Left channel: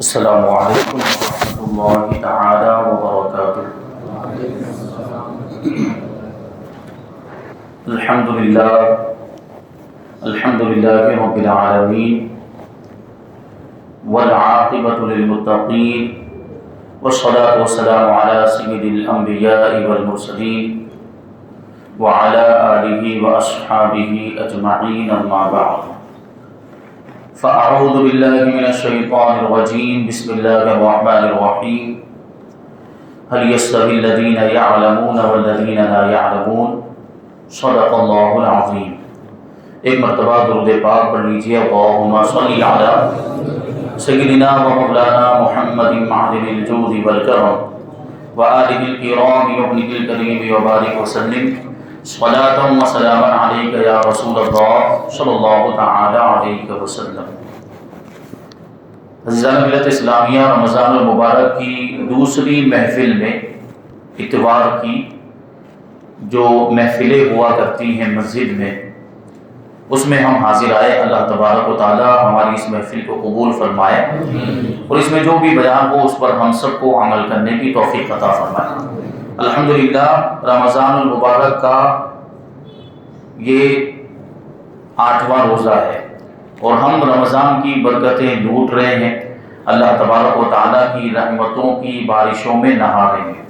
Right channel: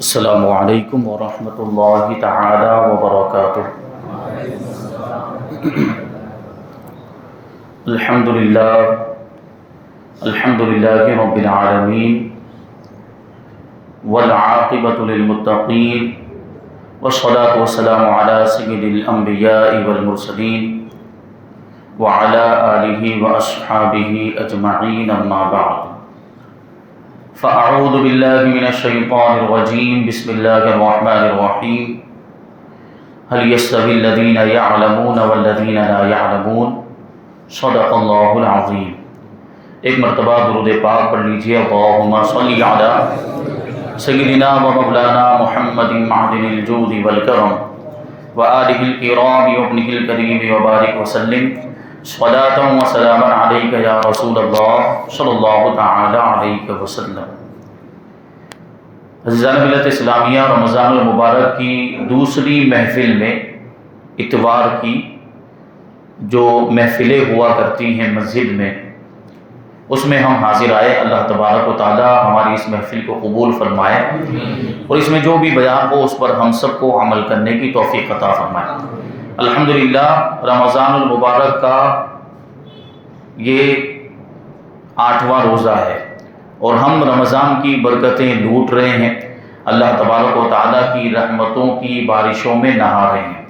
السلام علیکم ورحمۃ اللہ تعالی وبرکاتہ۔ الحمد للہ رب العالمین والعاقبۃ للمتقین والصلاۃ والسلام علی سید الانبیاء والمرسلین وعلی آلہ واصحابہ اجمعین، اما بعد فاعوذ باللہ من الشیطان الرجیم، بسم اللہ الرحمن الرحیم۔ هل يستوي الذین یعلمون والذین لا یعلمون، صدق اللہ العظیم۔ ایک مرتبہ درود پاک پڑھ لیجیے، اللہم صلی علی سیدنا و مولانا محمد معدن الجود والکرم وآلہ الکرام وابنہ الکریم وبارک وسلم، صلاۃ و سلام علیک یا رسول اللہ صلی اللہ تعالی علیہ وسلم۔ عزیزان ملت اسلامیہ، رمضان المبارک کی دوسری محفل میں، اتوار کی جو محفلیں ہوا کرتی ہیں مسجد میں، اس میں ہم حاضر آئے۔ اللہ تبارک و تعالی ہماری اس محفل کو قبول فرمائے اور اس میں جو بھی بیان ہو اس پر ہم سب کو عمل کرنے کی توفیق عطا فرمائے۔ الحمدللہ رمضان المبارک کا یہ 8واں روزہ ہے اور ہم رمضان کی برکتیں لوٹ رہے ہیں، اللہ تبارک و تعالیٰ کی رحمتوں کی بارشوں میں نہا رہے ہیں۔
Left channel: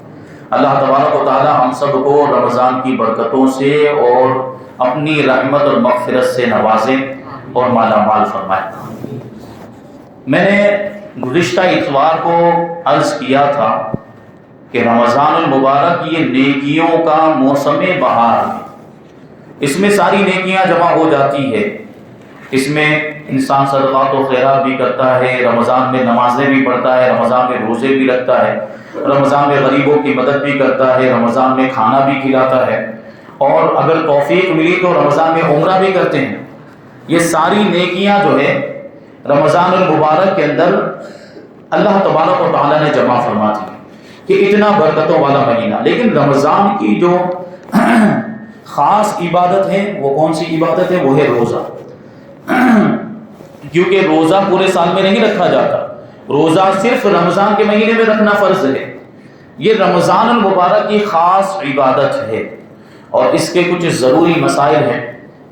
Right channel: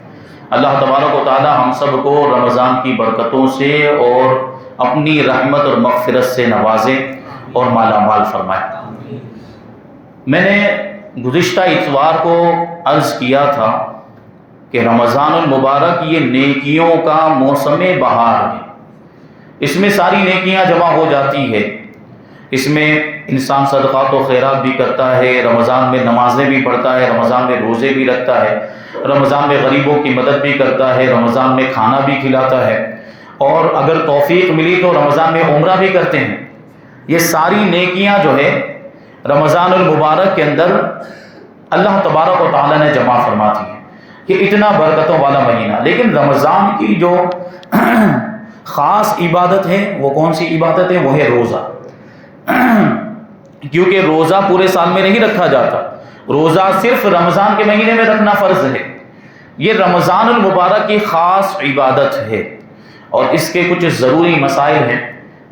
اللہ تبارک و تعالیٰ ہم سب کو رمضان کی برکتوں سے اور اپنی رحمت اور مغفرت سے نوازے اور مالا مال فرمائے۔ میں نے گزشتہ اتوار کو عرض کیا تھا کہ رمضان المبارک یہ نیکیوں کا موسم بہار ہے، اس میں ساری نیکیاں جمع ہو جاتی ہے۔ اس میں انسان صدقات و خیرات بھی کرتا ہے، رمضان میں نمازیں بھی پڑھتا ہے، رمضان میں روزے بھی رکھتا ہے، رمضان میں غریبوں کی مدد بھی کرتا ہے، رمضان میں کھانا بھی کھلاتا ہے، اور اگر توفیق ملی تو رمضان میں عمرہ بھی کرتے ہیں۔ یہ ساری نیکیاں جو ہے رمضان المبارک کے اندر اللہ تبارک و تعالیٰ نے جمع فرماتی ہے کہ اتنا برکتوں والا مہینہ۔ لیکن رمضان کی جو خاص عبادت ہے وہ کون سی عبادت ہے؟ وہ ہے روزہ، کیونکہ روزہ پورے سال میں نہیں رکھا جاتا، روزہ صرف رمضان کے مہینے میں رکھنا فرض ہے۔ یہ رمضان المبارک کی خاص عبادت ہے اور اس کے کچھ ضروری مسائل ہیں۔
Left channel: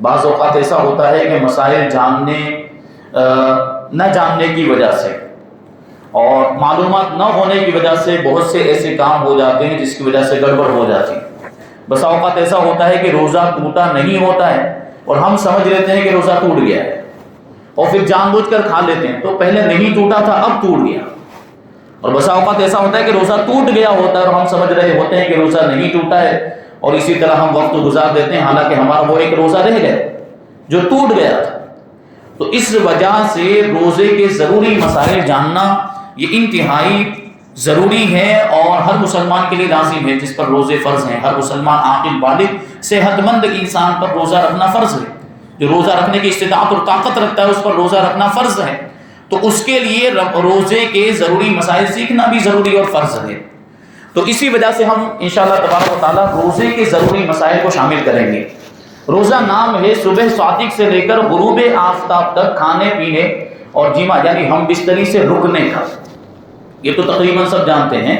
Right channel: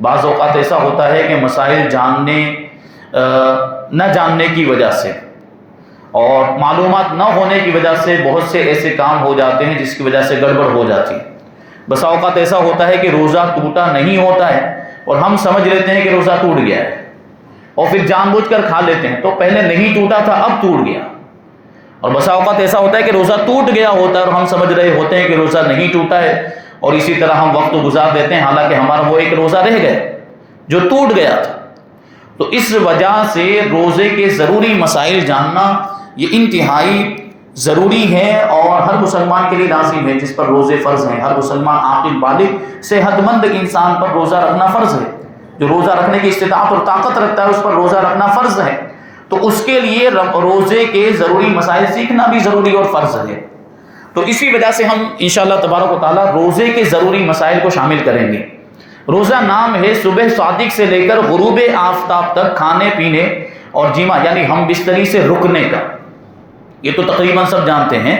بعض اوقات ایسا ہوتا ہے کہ مسائل نہ جاننے کی وجہ سے اور معلومات نہ ہونے کی وجہ سے بہت سے ایسے کام ہو جاتے ہیں جس کی وجہ سے گڑبڑ ہو جاتی ہے۔ بس اوقات ایسا ہوتا ہے کہ روزہ ٹوٹا نہیں ہوتا ہے اور ہم سمجھ لیتے ہیں کہ روزہ ٹوٹ گیا ہے اور پھر جان بوجھ کر کھا لیتے ہیں، تو پہلے نہیں ٹوٹا تھا اب ٹوٹ گیا۔ اور بس اوقات ایسا ہوتا ہے کہ روزہ ٹوٹ گیا ہوتا ہے اور ہم سمجھ رہے ہوتے ہیں کہ روزہ نہیں ٹوٹا ہے، اور اسی طرح ہم وقت گزار دیتے ہیں، حالانکہ ہمارا وہ ایک روزہ رہ گیا جو ٹوٹ گیا تھا۔ تو اس وجہ سے روزے کے ضروری مسائل جاننا یہ انتہائی ضروری ہے اور ہر مسلمان کے لیے لازم ہے جس پر روزے فرض ہیں۔ ہر مسلمان عاقل بالغ صحت مند انسان پر روزہ رکھنا فرض ہے، جو روزہ رکھنے کی استطاعت اور طاقت رکھتا ہے اس پر روزہ رکھنا فرض ہے۔ تو اس کے لیے روزے کے ضروری مسائل سیکھنا بھی ضروری اور فرض ہے۔ تو اسی وجہ سے ہم انشاءاللہ تبارک و تعالیٰ روزے کے ضروری مسائل کو شامل کریں گے۔ روزہ نام ہے صبح صادق سے لے کر غروب آفتاب تک کھانے پینے اور جیما یعنی ہم بستری سے رکنے کا۔ یہ تو تقریباً سب جانتے ہیں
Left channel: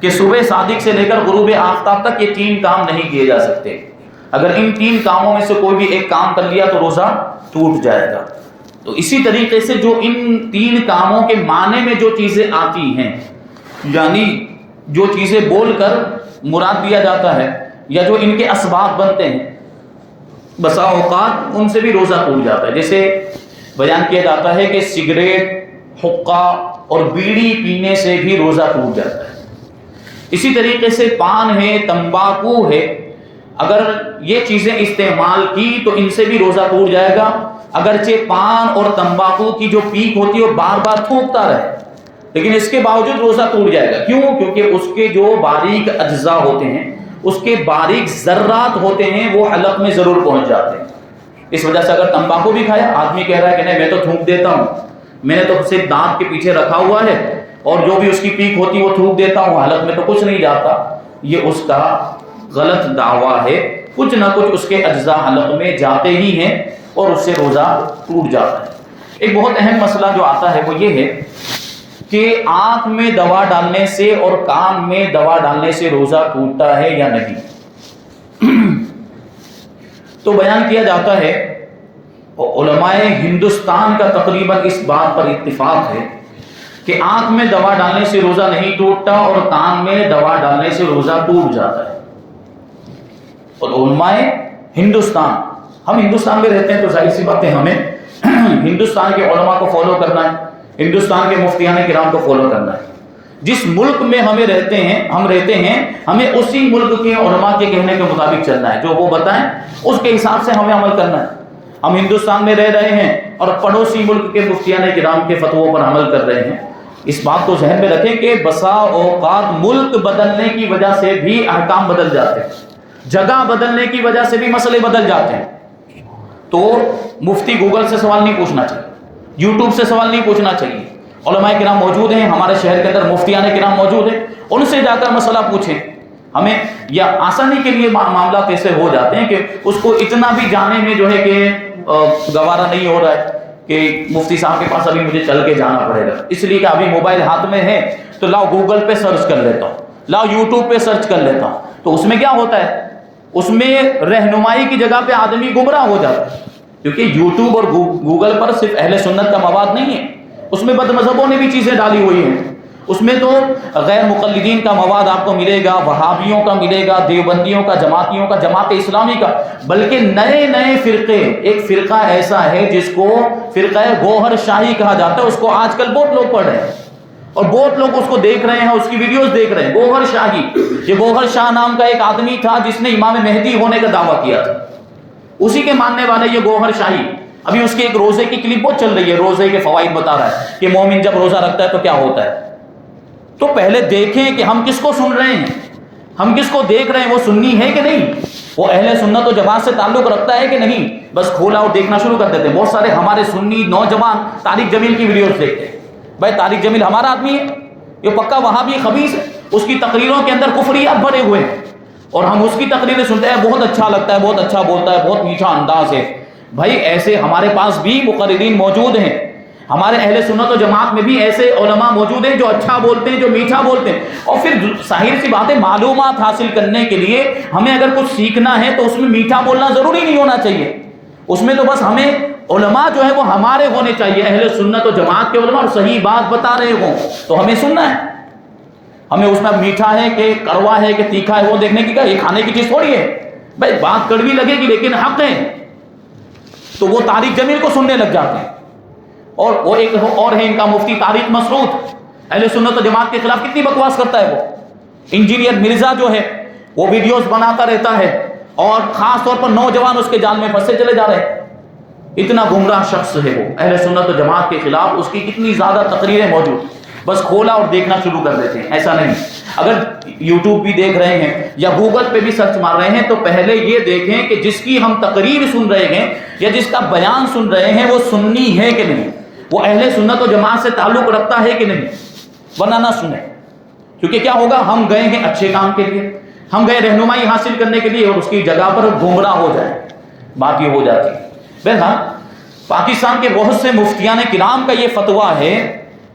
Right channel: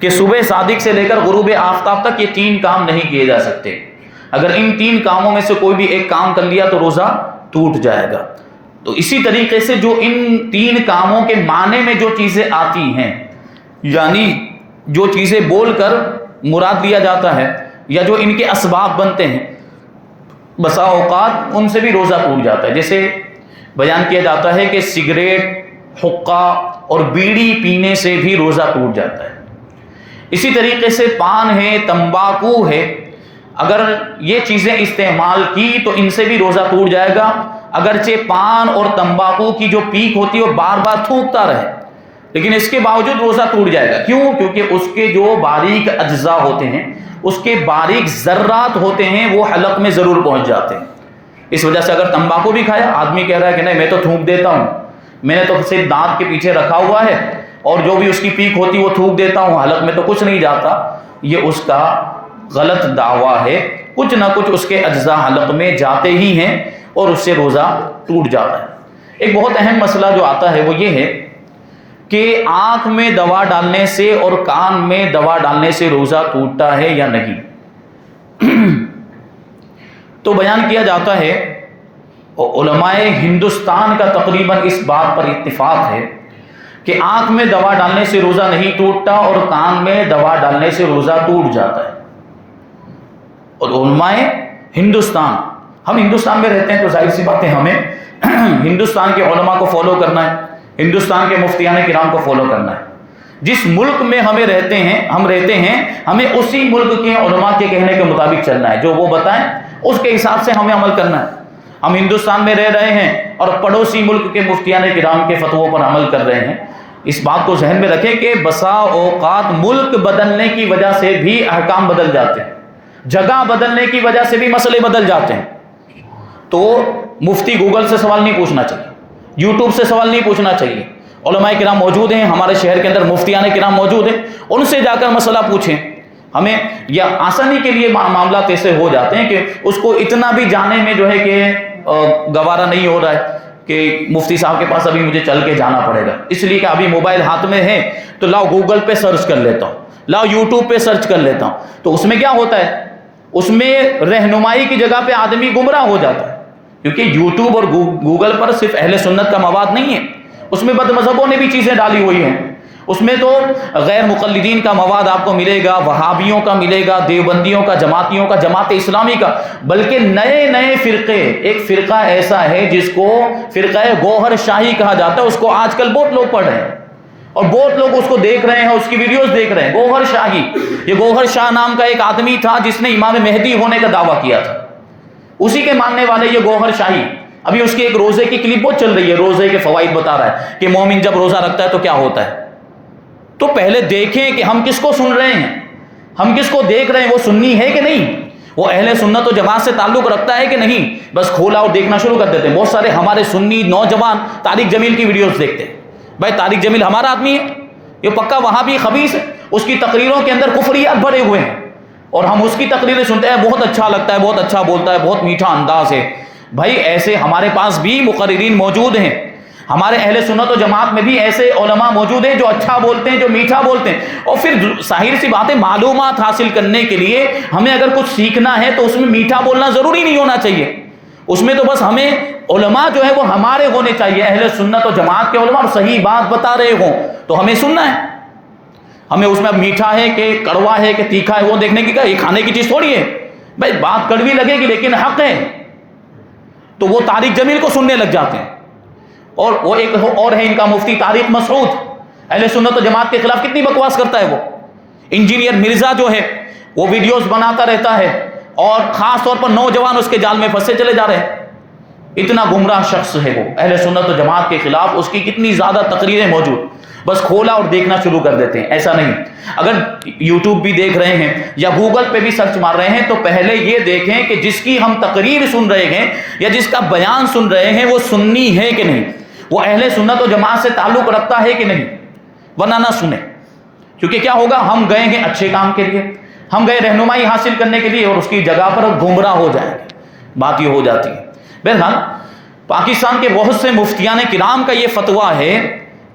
کہ صبح صادق سے لے کر غروب آفتاب تک یہ 3 کام نہیں کیے جا سکتے۔ اگر ان 3 کاموں میں سے کوئی بھی ایک کام کر لیا تو روزہ ٹوٹ جائے گا۔ تو اسی طریقے سے جو ان 3 کاموں کے معنی میں جو چیزیں آتی ہیں، یعنی جو چیزیں بول کر مراد لیا جاتا ہے یا جو ان کے اسباب بنتے ہیں، بسا اوقات ان سے بھی روزہ ٹوٹ جاتا ہے۔ جیسے بیان کیا جاتا ہے کہ سگریٹ، حقہ اور بیڑی پینے سے بھی روزہ ٹوٹ جاتا ہے۔ اسی طریقے سے پان ہے، تمباکو ہے، اگر یہ چیزیں استعمال کی تو ان سے بھی روزہ ٹوٹ جائے گا، اگرچہ پان اور تمباکو کی جو پیک ہوتی ہے وہ بار بار تھوکتا رہے، لیکن اس کے باوجود روزہ ٹوٹ جائے گا۔ کیوں؟ کیونکہ اس کے جو باریک اجزاء ہوتے ہیں، اس کے باریک ذرات ہوتے ہیں، وہ حلق میں ضرور پہنچ جاتے ہیں۔ اس وجہ سے اگر تمباکو بھی کھایا، آدمی کہہ رہا ہے کہ نہیں میں تو تھوک دیتا ہوں، میں نے تو صرف دانت کے پیچھے رکھا ہوا ہے اور جو بھی اس کی پیک ہوتی ہے وہ تھوک دیتا ہوں، حلق میں تو کچھ نہیں جاتا، یہ اس کا غلط دعویٰ ہے۔ کچھ نہ کچھ اس کے اجزاء حلق میں جاتے ہی ہیں اور اس سے روزہ ٹوٹ جاتا ہے۔ ایک بہت اہم مسئلہ جو آتا ہے وہ یہ ہے کہ آنکھ میں دوا ڈالنے سے اور کان میں دوا ڈالنے سے روزہ ٹوٹتا ہے یا نہیں؟ تو بیان کیا جاتا ہے، علماء ہندوستان کا تقریباً اس بات پر اتفاق ہے کہ آنکھ میں دوا ڈالنے سے روزہ نہیں ٹوٹتا اور کان میں دوا ڈالنے سے روزہ ٹوٹ جاتا ہے۔ اور علماء ہندوستان، ہم ہندوستان میں رہتے ہیں تو ظاہر سی بات ہے ہمیں ہندوستان کے علماء کو فالو کرنا ہے، ہندوستان کے مفتیان کرام کو فالو کرنا ہے۔ جس ملک میں ہم رہتے ہیں ہمیں اسی ملک کے علماء کے کہنے کے مطابق چلنا ہے، جو وہ بتائیں اس کے حساب سے ہمیں عمل کرنا ہے۔ ہم ہندوستان میں رہ رہے ہیں اور پڑوسی ملک کے مفتیان کرام کے فتووں پر عمل کر رہے ہیں۔ اس بات کو ذہن میں رکھیں کہ بسا اوقات ملک بدلنے کی وجہ سے بھی احکام بدل جاتے ہیں، جگہ بدلنے کی وجہ سے بھی مسئلے بدل جاتے ہیں۔ تو مفتی گوگل سے سوال نہیں پوچھنا چاہیے، یوٹیوب سے سوال نہیں پوچھنا چاہیے۔ علماء کرام موجود ہیں ہمارے شہر کے اندر، مفتیان کرام موجود ہیں، ان سے جا کر مسئلہ پوچھیں۔ ہمیں یا آسانی کے لیے معاملات ایسے ہو جاتے ہیں کہ اس کو اتنا بھی جانے میں جو ہے کہ گوارا نہیں ہو رہا ہے کہ مفتی صاحب کے پاس ابھی مجھے چل کے جانا پڑے گا، اس لیے کہ ابھی موبائل ہاتھ میں ہے تو لاؤ گوگل پہ سرچ کر لیتا ہوں، لاؤ یوٹیوب پہ سرچ کر لیتا ہوں۔ تو اس میں کیا ہوتا ہے، اس میں رہنمائی کی جگہ پہ آدمی گمراہ ہو جاتا ہے، کیونکہ یوٹیوب اور گوگل پر صرف اہل سنت کا مواد نہیں ہے، اس میں بد مذہبوں نے بھی چیزیں ڈالی ہوئی ہیں، اس میں تو غیر مقلدین کا مواد آپ کو ملے گا، وہابیوں کا ملے گا، دیوبندیوں کا، جماعتیوں کا، جماعت اسلامی کا، بلکہ نئے نئے فرقے۔ ایک فرقہ ایسا ہے جس کو فرقہ گوہر شاہی کہا جاتا ہے، اس کو آج کل بہت لوگ پڑھ رہے ہیں اور بہت لوگ اس کو دیکھ رہے ہیں، اس کی ویڈیوز دیکھ رہے ہیں۔ گوہر شاہی، یہ گوہر شاہ نام کا ایک آدمی تھا جس نے امام مہدی ہونے کا دعویٰ کیا تھا، اسی کے ماننے والے یہ گوہر شاہی۔ ابھی اس کے ایک روزے کی کلپ بہت چل رہی ہے، روزے کے فوائد بتا رہا ہے کہ مومن جب روزہ رکھتا ہے تو کیا ہوتا ہے۔ تو پہلے دیکھیں کہ ہم کس کو سن رہے ہیں، ہم کس کو دیکھ رہے ہیں، وہ سنی ہے کہ نہیں، وہ اہل سنت و جماعت سے تعلق رکھتا ہے کہ نہیں۔ بس کھولا اور دیکھنا شروع کر دیتے ہیں۔ بہت سارے ہمارے سنی نوجوان طارق جمیل کی ویڈیوز دیکھتے ہیں۔ بھائی طارق جمیل ہمارا آدمی ہے، یہ پکا وہابی خبیث ہے، اس کی تقریروں کے اندر کفریات بھرے ہوئے ہیں اور ہم اس کی تقریریں سنتے ہیں، بہت اچھا لگتا ہے، بہت اچھا بولتا ہے، بہت میٹھا انداز ہے۔ بھائی ایسے ہمارے پاس بھی مقررین موجود ہیں، ہمارے اہل سنت و جماعت میں بھی ایسے علماء موجود ہیں جو اچھا بولتے ہیں، جو میٹھا بولتے ہیں۔ اور پھر ظاہر سی بات ہے، معلومات حاصل کرنے کے لیے ہمیں اگر کچھ سیکھنا ہے تو اس میں میٹھا بولنا ضروری نہیں ہونا چاہیے، اس میں تو بس ہمیں علماء جو ہے وہ ہمارے ہونے چاہیے، اہل سنت و جماعت کے علماء، اور صحیح بات بتا رہے ہوں تو ہمیں سننا ہے۔ ہمیں اس میں میٹھا ہے کہ کڑوا ہے کہ تیکھا ہے وہ دیکھنے کی، یہ کھانے کی چیز تھوڑی ہے۔ بھائی بات کڑوی لگے گی لیکن حق ہے، تو وہ طارق جمیل کو سننے لگ جاتے ہیں۔ اور وہ ایک اور ہے ان کا مفتی طارق مسعود، اہل سنت و جماعت کے خلاف کتنی بکواس کرتا ہے وہ۔ انجینئر مرزا جو ہے وہ ویڈیوز بناتا رہتا ہے اور خاص طور پر نوجوان اس کے جال میں پھنسے چلے جا رہے ہیں۔ اتنا گمراہ شخص ہے وہ، اہل سنت و جماعت کے خلاف اس کی کتنی زیادہ تقریریں موجود، بس کھولا اور دیکھنا شروع کر دیتے ہیں۔ ایسا نہیں، اگر یوٹیوب بھی دیکھ رہے ہیں یا گوگل پہ بھی سرچ مار رہے ہیں تو پہلے یہ دیکھیں کہ جس کی ہم تقریر سن رہے ہیں یا جس کا بیان سن رہے ہیں وہ سنی ہے کہ نہیں، وہ اہل سنت و جماعت سے تعلق رکھتا ہے کہ نہیں، ورنہ نہ سنیں۔ کیونکہ کیا ہوگا، ہم گئے ہیں اچھے کام کے لیے، ہم گئے رہنمائی حاصل کرنے کے لیے اور اس کی جگہ پر گمراہ ہو جائے، بات یہ ہو جاتی ہے۔ بہرحال پاکستان کے بہت سے مفتیان کرام کا یہ فتویٰ ہے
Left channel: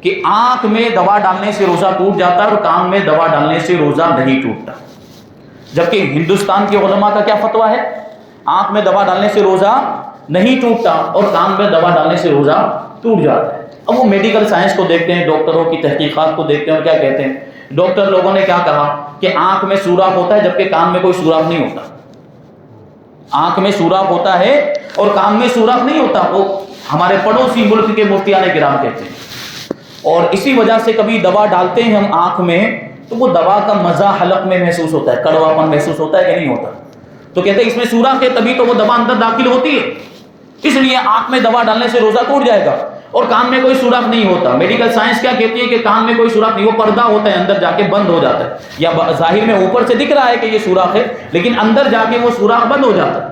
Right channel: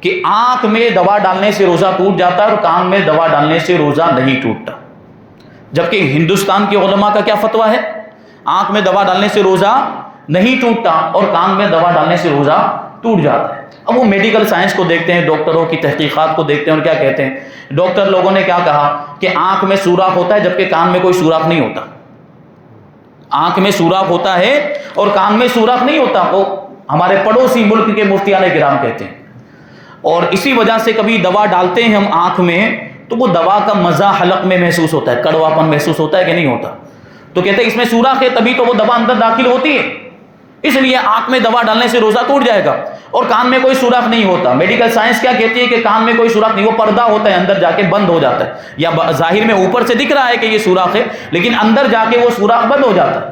کہ آنکھ میں دوا ڈالنے سے روزہ ٹوٹ جاتا ہے اور کان میں دوا ڈالنے سے روزہ نہیں ٹوٹتا، جبکہ ہندوستان کے علماء کا کیا فتویٰ ہے، آنکھ میں دوا ڈالنے سے روزہ نہیں ٹوٹتا اور کان میں دوا ڈالنے سے روزہ ٹوٹ جاتا ہے۔ اب وہ میڈیکل سائنس کو دیکھتے ہیں، ڈاکٹروں کی تحقیقات کو دیکھتے ہیں اور کیا کہتے ہیں، ڈاکٹر لوگوں نے کیا کہا کہ آنکھ میں سوراخ ہوتا ہے جبکہ کان میں کوئی سوراخ نہیں ہوتا، آنکھ میں سوراخ ہوتا ہے اور کان میں سوراخ نہیں ہوتا، وہ ہمارے پڑوسی ملک کے مفتیان کرام کہتے ہیں۔ اور اسی وجہ سے کبھی دوا ڈالتے ہیں ہم آنکھ میں تو وہ دوا کا مزہ حلق میں محسوس ہوتا ہے، کڑواپن محسوس ہوتا ہے کہ نہیں ہوتا، تو کہتے ہیں اس میں سوراخ ہے تبھی تو وہ دوا اندر داخل ہوتی ہے، اس لیے آنکھ میں دوا ڈالنے سے روزہ ٹوٹ جائے گا۔ اور کان میں کوئی سوراخ نہیں ہوتا، میڈیکل سائنس کیا کہتی ہے کہ کان میں کوئی سوراخ نہیں، وہ پردہ ہوتا ہے، اندر جا کے بند ہو جاتا ہے، یا ظاہر میں اوپر سے دکھ رہا ہے کہ یہ سوراخ ہے لیکن اندر جا کے وہ سوراخ بند ہو جاتا ہے،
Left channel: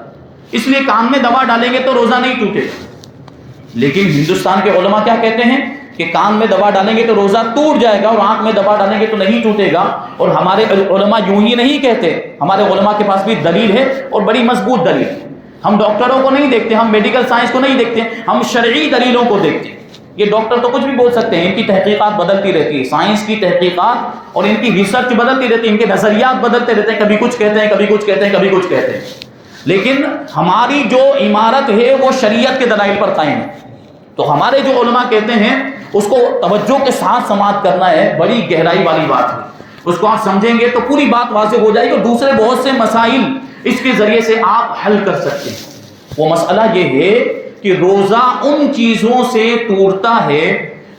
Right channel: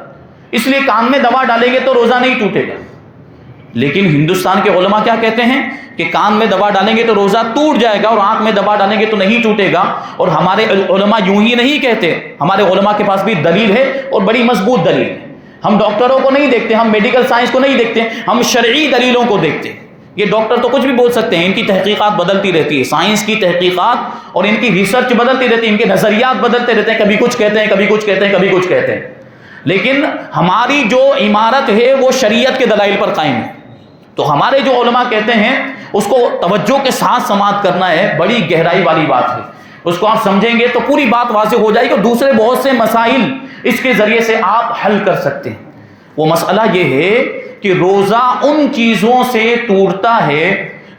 اس لیے کان میں دوا ڈالیں گے تو روزہ نہیں ٹوٹے گا۔ لیکن ہندوستان کے علماء کیا کہتے ہیں کہ کان میں دوا ڈالیں گے تو روزہ ٹوٹ جائے گا اور آنکھ میں دوا ڈالیں گے تو نہیں ٹوٹے گا۔ اور ہمارے علماء یوں ہی نہیں کہتے، ہمارے علماء کے پاس بھی دلیل ہے اور بڑی مضبوط دلیل ہے۔ ہم ڈاکٹروں کو نہیں دیکھتے، ہم میڈیکل سائنس کو نہیں دیکھتے، ہم شرعی دلیلوں کو دیکھتے ہیں یہ ڈاکٹر تو کچھ بھی بول سکتے ہیں، ان کی تحقیقات بدلتی رہتی ہے، سائنس کی تحقیقات اور ان کی ریسرچ بدلتی رہتی ہے، ان کے نظریات بدلتے رہتے ہیں، کبھی کچھ کہتے ہیں، کبھی کچھ کہتے ہیں، کبھی کچھ کہتے ہیں، لیکن ہماری جو عمارت ہے وہ شریعت کے دلائل پر قائم ہے۔ تو ہمارے جو علماء کہتے ہیں اس کو توجہ کے ساتھ سماعت کرنا ہے، بڑی گہرائی والی بات ہے، اس کو آپ سمجھیں گے تو پوری بات واضح ہو جائے گی، اور دوسرے بہت سے مسائل اس کے ذریعے سے آپ حل کر سکتے ہیں۔ وہ مسئلہ یہ ہے کہ روزہ ان چیزوں سے ٹوٹتا ہے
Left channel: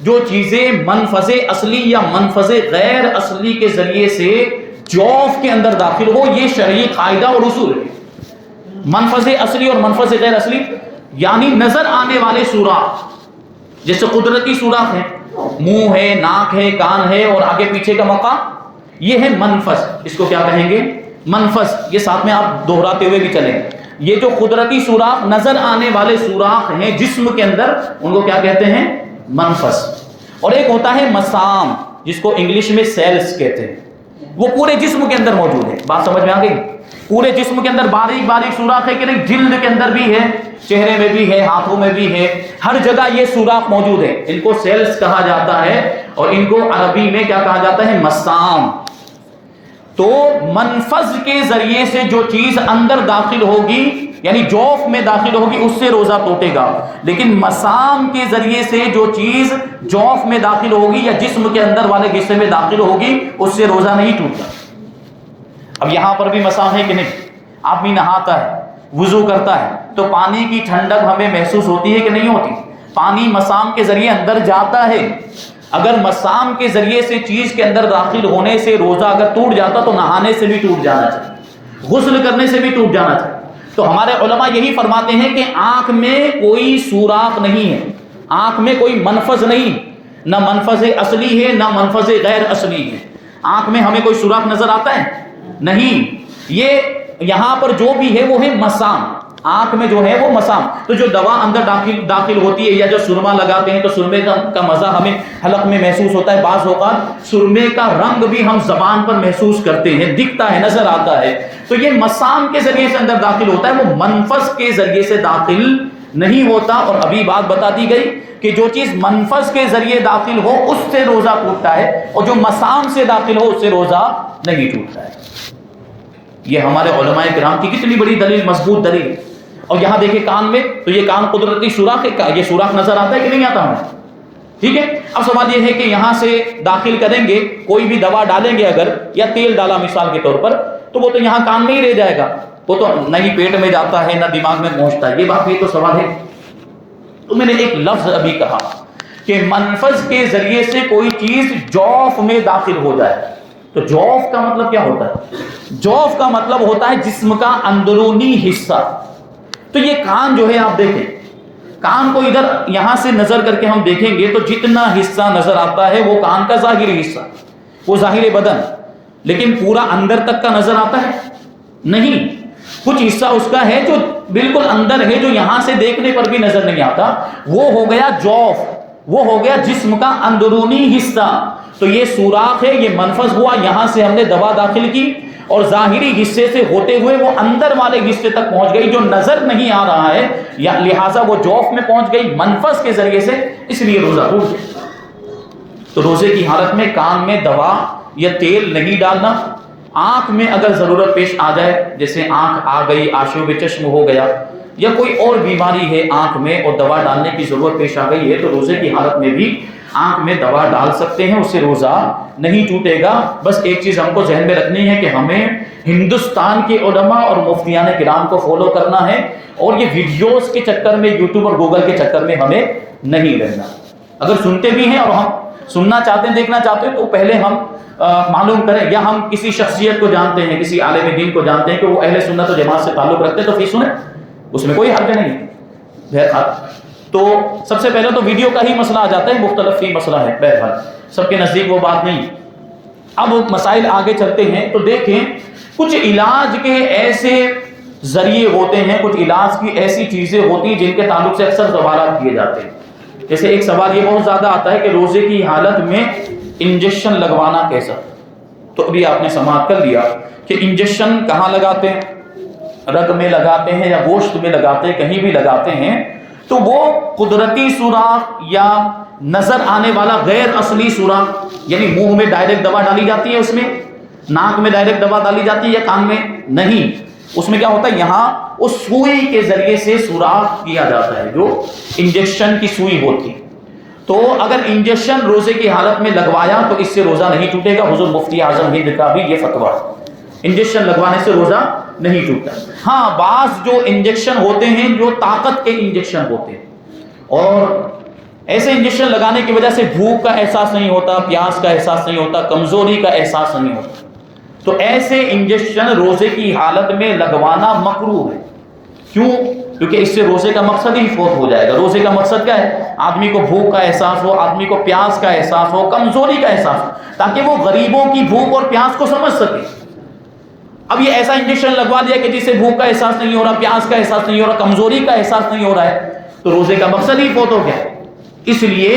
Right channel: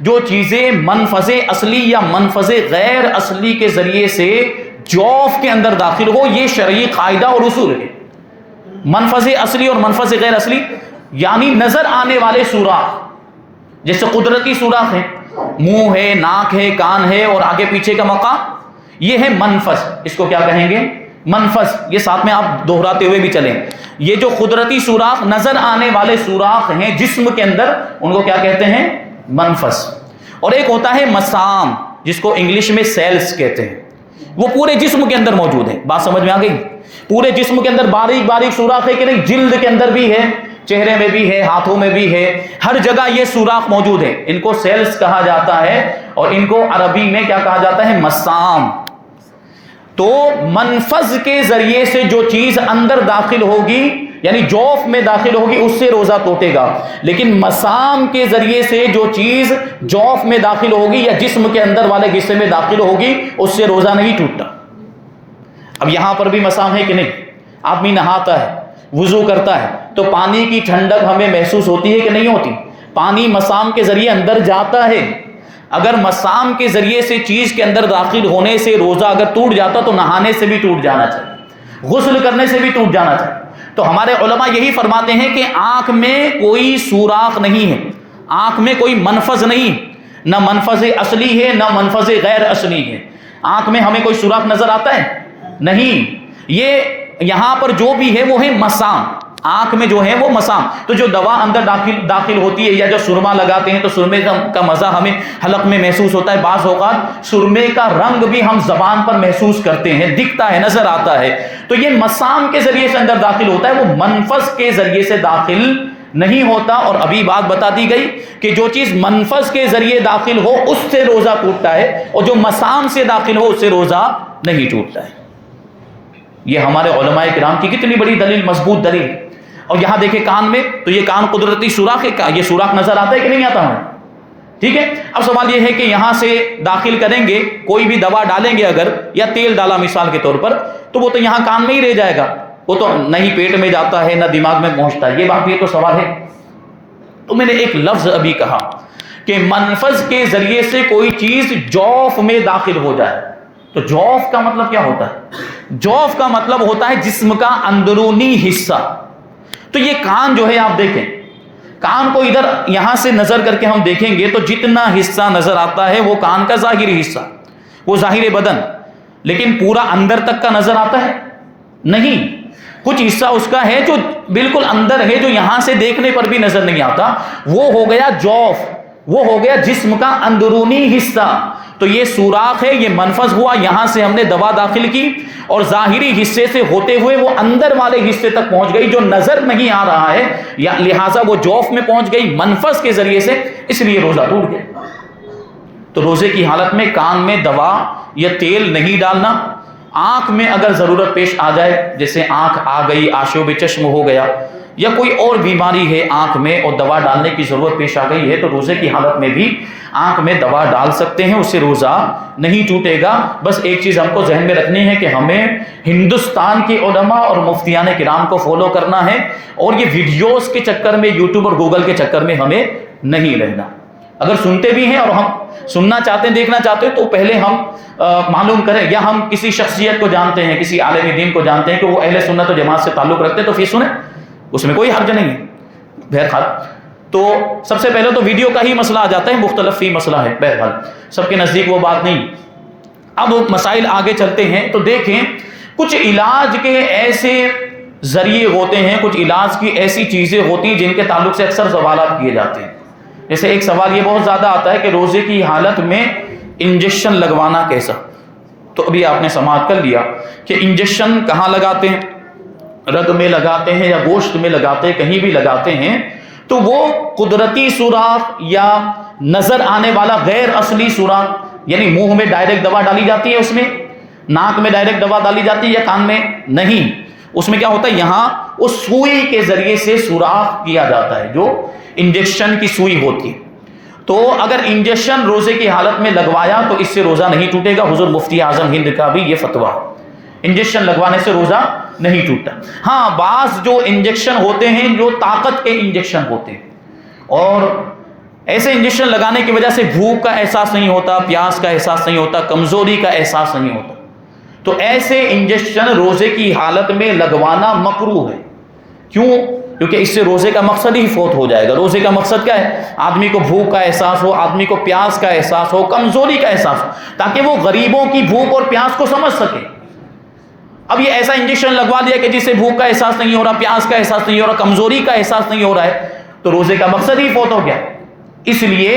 جو چیزیں منفذ اصلی یا منفذ غیر اصلی کے ذریعے سے جوف کے اندر داخل ہو، یہ شرعی قاعدہ اور اصول ہے۔ منفذ اصلی اور منفذ غیر اصلی یعنی نظر آنے والے سوراخ، جیسے قدرتی سوراخ ہے، منہ ہے، ناک ہے، کان ہے اور آگے پیچھے کا موقع، یہ ہے منفذ۔ اس کو کیا کہیں گے؟ منفذ۔ یہ ساتھ میں آپ دہراتے ہوئے بھی چلیں، یہ جو قدرتی سوراخ، نظر آنے والے سوراخ ہیں جسم کے اندر، ان کو کیا کہتے ہیں؟ منفذ۔ اور ایک ہوتا ہے مسام، جس کو انگلش میں سیلز کہتے ہیں، وہ پورے جسم کے اندر موجود ہے۔ بات سمجھ میں آ گئی؟ پورے جسم کے اندر باریک باریک سوراخ ہے کہ نہیں؟ جلد کے اندر بھی ہے، چہرے میں بھی ہے، ہاتھوں میں بھی ہے، ہر جگہ یہ سوراخ موجود ہے، ان کو سیلز کہا جاتا ہے، اور ان کو عربی میں کیا کہا جاتا ہے؟ مسام۔ تو منفذ کے ذریعے سے جو چیز اندر داخل ہوگی یعنی جوف میں داخل ہوگی اس سے روزہ ٹوٹے گا، لیکن مسام کے ذریعے سے جو چیز جوف میں داخل ہوگی یا جسم کے اندر والے حصے میں داخل ہوگی اس سے روزہ نہیں ٹوٹتا۔ اب یہاں پر بھی مسام ہے کہ نہیں؟ آدمی نہاتا ہے، وضو کرتا ہے تو پانی کی ٹھنڈک ہمیں محسوس ہوتی ہے کہ نہیں ہوتی؟ پانی مسام کے ذریعے اندر جاتا ہے۔ اگر مسام کے ذریعے سے چیز کے اندر داخل ہونے سے روزہ اگر ٹوٹ جاتا تو نہانے سے بھی ٹوٹ جانا چاہیے، غسل کرنے سے بھی ٹوٹ جانا چاہیے۔ تو ہمارے علماء یہی فرماتے ہیں کہ آنکھ میں کوئی سوراخ نہیں ہے، آنکھ میں کوئی منفذ نہیں، نہ منفذ اصلی ہے نہ منفذ غیر اصلی ہے۔ آنکھ میں ہمیں کوئی سوراخ نظر آتا ہے؟ نہیں۔ یہ یہاں پر جو بھی ہے وہ ہے مسام، آنکھ میں جو ہے وہ مسام۔ تو جو دوا اندر داخل ہوتی ہے یا جو سرما لگاتے ہیں تو سرمے کا مزہ ہمیں حلق میں محسوس ہوتا ہے، بعض اوقات سرمے کا رنگ بھی ہم زبان پر محسوس کرتے ہیں، دکھتا ہے، نظر آتا ہے، تو یہ مسام کے ذریعے سے اندر داخل ہوتا ہے، وہ منفذ کے ذریعے سے داخل نہیں ہوتا۔ اور ابھی بات بتا دی گئی کہ جو چیز منفذ کے ذریعے داخل ہو اس سے روزہ ٹوٹتا ہے، اور جو مسام سے داخل ہو اس سے روزہ نہیں ٹوٹتا ہے۔ یہ ہمارے علماء کرام کی کتنی بڑی دلیل، مضبوط دلیل۔ اور یہاں دیکھیں کان میں، تو یہ کان قدرتی سوراخ ہے، یہ سوراخ نظر آتا ہے کہ نہیں آتا ہمیں؟ ٹھیک ہے۔ اب سوال یہ ہے کہ یہاں سے داخل کریں گے، کوئی بھی دوا ڈالیں گے اگر، یا تیل ڈالا مثال کے طور پر، تو وہ تو یہاں کان میں ہی رہ جائے گا، وہ تو نہ ہی پیٹ میں جاتا ہے نہ دماغ میں پہنچتا ہے۔ یہ بات یہ تو سوال ہے۔ تو میں نے ایک لفظ ابھی کہا کہ منفذ کے ذریعے سے کوئی چیز جوف میں داخل ہو جائے، تو جوف کا مطلب کیا ہوتا ہے؟ جوف کا مطلب ہوتا ہے جسم کا اندرونی حصہ۔ تو یہ کان جو ہے آپ دیکھیں، کان کو ادھر یہاں سے نظر کر کے ہم دیکھیں گے تو جتنا حصہ نظر آتا ہے وہ کان کا ظاہری حصہ، وہ ظاہر بدن، لیکن پورا اندر تک کا نظر آتا ہے نہیں، کچھ حصہ اس کا ہے جو بالکل اندر ہے، جو یہاں سے دیکھنے پر بھی نظر نہیں آتا، وہ ہو گیا جوف، وہ ہو گیا جسم کا اندرونی حصہ۔ تو یہ سوراخ ہے، یہ منفذ ہوا، یہاں سے ہم نے دوا داخل کی اور ظاہری حصے سے ہوتے ہوئے وہ اندر والے حصے تک پہنچ گئی جو نظر نہیں آ رہا ہے، یا لہٰذا وہ جوف میں پہنچ گئی منفذ کے ذریعے سے، اس لیے روزہ ٹوٹ گیا۔ تو روزے کی حالت میں کان میں دوا یا تیل نہیں ڈالنا۔ آنکھ میں اگر ضرورت پیش آ جائے، جیسے آنکھ آ گئی، آشوب چشم ہو گیا، یا کوئی اور بیماری ہے آنکھ میں اور دوا ڈالنے کی ضرورت پیش آ گئی ہے، تو روزے کی حالت میں بھی آنکھ میں دوا ڈال سکتے ہیں، اس سے روزہ نہیں ٹوٹے گا۔ بس ایک چیز ہم کو ذہن میں رکھنی ہے کہ ہمیں ہندوستان کے علماء اور مفتیان کرام کو فالو کرنا ہے، اور یہ ویڈیوز کے چکر میں، یوٹیوب اور گوگل کے چکر میں ہمیں نہیں رہنا۔ اگر سنتے بھی ہیں اور ہم سننا چاہتے ہیں، دیکھنا چاہتے ہیں، تو پہلے ہم معلوم کریں، یا ہم کسی شخصیت کو جانتے ہیں، کسی عالم دین کو جانتے ہیں کہ وہ اہل سنت و جماعت سے تعلق رکھتے ہیں، تو پھر سنیں، اس میں کوئی حرج نہیں ہے۔ بہرحال تو سب سے پہلے تو ویڈیو کا ہی مسئلہ آ جاتا ہے، مختلف فی مسئلہ ہے، بہرحال سب کے نزدیک وہ بات نہیں۔ اب مسائل آگے چلتے ہیں تو دیکھیں، کچھ علاج کے ایسے ذریعے ہوتے ہیں، کچھ علاج کی ایسی چیزیں ہوتی ہیں جن کے تعلق سے اکثر سوالات کیے جاتے ہیں۔ جیسے ایک سوال یہ بہت زیادہ آتا ہے کہ روزے کی حالت میں انجیکشن لگوانا کیسا؟ تو ابھی آپ نے سماعت کر لیا کہ انجیکشن کہاں لگاتے ہیں، رگ میں لگاتے ہیں یا گوشت میں لگاتے ہیں، کہیں بھی لگاتے ہیں، تو وہ قدرتی سوراخ یا نظر آنے والا غیر اصلی سوراخ، یعنی منہ میں ڈائریکٹ دوا ڈالی جاتی ہے، اس میں ناک میں ڈائریکٹ دوا ڈالی جاتی ہے یا کان میں؟ نہیں، اس میں کیا ہوتا ہے، یہاں اس سوئی کے ذریعے سے سوراخ کیا جاتا ہے، جو انجیکشن کی سوئی ہوتی ہے۔ تو اگر انجیکشن روزے کی حالت میں لگوایا تو اس سے روزہ نہیں ٹوٹے گا۔ حضور مفتی اعظم ہند کا بھی یہ فتویٰ، انجیکشن لگوانے سے روزہ نہیں ٹوٹتا۔ ہاں، بعض جو انجیکشن ہوتے ہیں جو طاقت کے انجیکشن ہوتے ہیں، اور ایسے انجیکشن لگانے کی وجہ سے بھوک کا احساس نہیں ہوتا، پیاس کا احساس نہیں ہوتا، کمزوری کا احساس نہیں ہوتا، تو ایسے انجیکشن روزے کی حالت میں لگوانا مکروہ ہے۔ کیوں؟ کیونکہ اس سے روزے کا مقصد ہی فوت ہو جائے گا۔ روزے کا مقصد کیا ہے؟ آدمی کو بھوک کا احساس ہو، آدمی کو پیاس کا احساس ہو، کمزوری کا احساس ہو، تاکہ وہ غریبوں کی بھوک اور پیاس کو سمجھ سکے۔ اب یہ ایسا انجیکشن لگوا دیا کہ جس سے بھوک کا احساس نہیں ہو رہا، پیاس کا احساس نہیں ہو رہا، کمزوری کا احساس نہیں ہو رہا ہے، تو روزے کا مقصد ہی فوت ہو گیا۔ اس لیے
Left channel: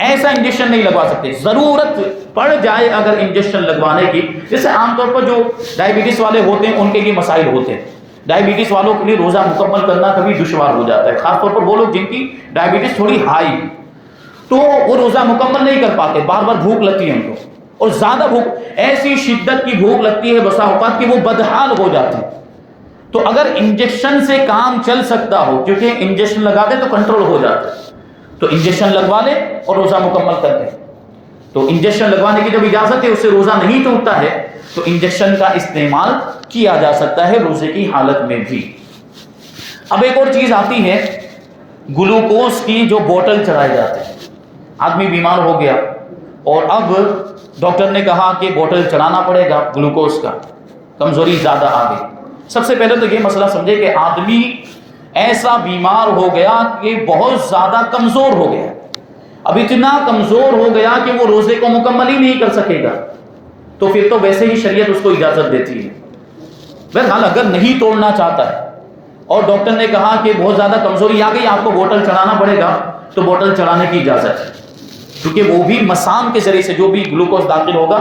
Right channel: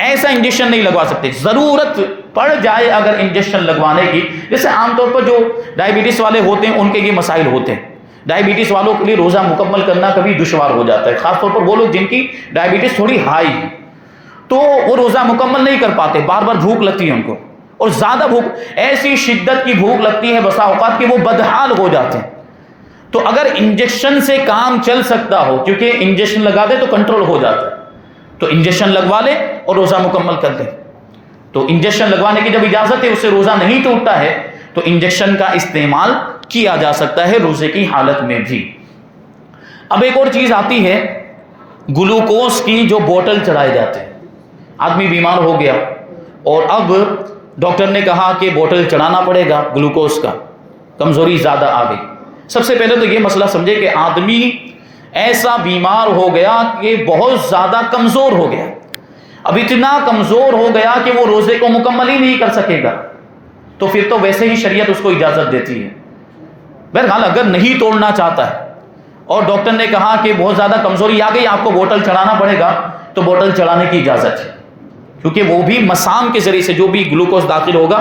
ایسا انجیکشن نہیں لگوا سکتے۔ ضرورت پڑ جائے اگر انجیکشن لگوانے کی، جیسے عام طور پر جو ڈائبٹیز والے ہوتے ہیں ان کے یہ مسائل ہوتے ہیں، ڈائبٹیز والوں کے لیے روزہ مکمل کرنا کبھی دشوار ہو جاتا ہے، خاص طور پر وہ لوگ جن کی ڈائبٹیز تھوڑی ہائی، تو وہ روزہ مکمل نہیں کر پاتے، بار بار بھوک لگتی ہے ان کو، اور زیادہ بھوک، ایسی شدت کی بھوک لگتی ہے بسا اوقات کہ وہ بدحال ہو جاتے ہیں۔ تو اگر انجیکشن سے کام چل سکتا ہو، کیونکہ انجیکشن لگا دے تو کنٹرول ہو جاتا ہے، تو انجیکشن لگوا لے اور روزہ مکمل کر دے۔ تو انجیکشن لگوانے کی جب اجازت ہے، اس سے روزہ نہیں ٹوٹتا ہے، تو انجیکشن کا استعمال کیا جا سکتا ہے روزے کی حالت میں بھی۔ اب ایک اور چیز آتی ہے، گلوکوز کی جو بوتل چلائے جاتے ہیں۔ آدمی بیمار ہو گیا اور اب ڈاکٹر نے کہا کہ بوتل چڑھانا پڑے گا گلوکوز کا، کمزوری زیادہ آ گئی۔ سب سے پہلے تو یہ مسئلہ سمجھے کہ آدمی ایسا بیمار ہو گیا کہ بہت زیادہ کمزور ہو گیا، اب اتنا کمزور ہو گیا کہ وہ روزے کو مکمل ہی نہیں کر سکے گا، تو پھر تو ویسے ہی شریعت اس کو اجازت دیتی ہے۔ بہرحال اگر نہیں توڑنا چاہتا ہے اور ڈاکٹر نے کہا کہ بہت زیادہ کمزوری آ گئی، آپ کو بوتل چڑھانا پڑے گا، تو بوتل چڑھانے کی اجازت ہے، کیونکہ وہ بھی مسام کے ذریعے سے جو بھی گلوکوز داخل ہوگا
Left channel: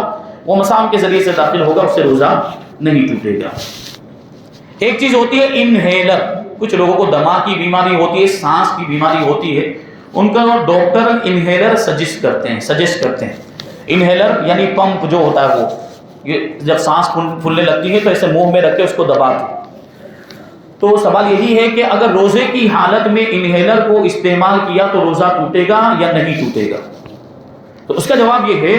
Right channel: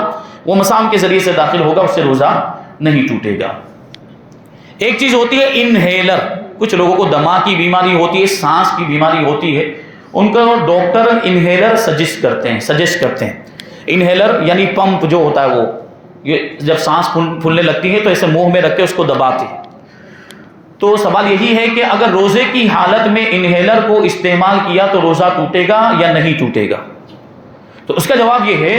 وہ مسام کے ذریعے سے داخل ہوگا، اس سے روزہ نہیں ٹوٹے گا۔ ایک چیز ہوتی ہے انہیلر، کچھ لوگوں کو دمہ کی بیماری ہوتی ہے، سانس کی بیماری ہوتی ہے، ان کا ڈاکٹر انہیلر سجیسٹ کرتے ہیں۔ انہیلر یعنی پمپ جو ہوتا ہے، وہ یہ جب سانس پھولنے لگتی ہے تو ایسے منہ میں رکھ کے اس کو دباتے ہیں۔ تو سوال یہی ہے کہ اگر روزے کی حالت میں انہیلر کو استعمال کیا تو روزہ ٹوٹے گا یا نہیں ٹوٹے گا؟ تو اس کا جواب یہ ہے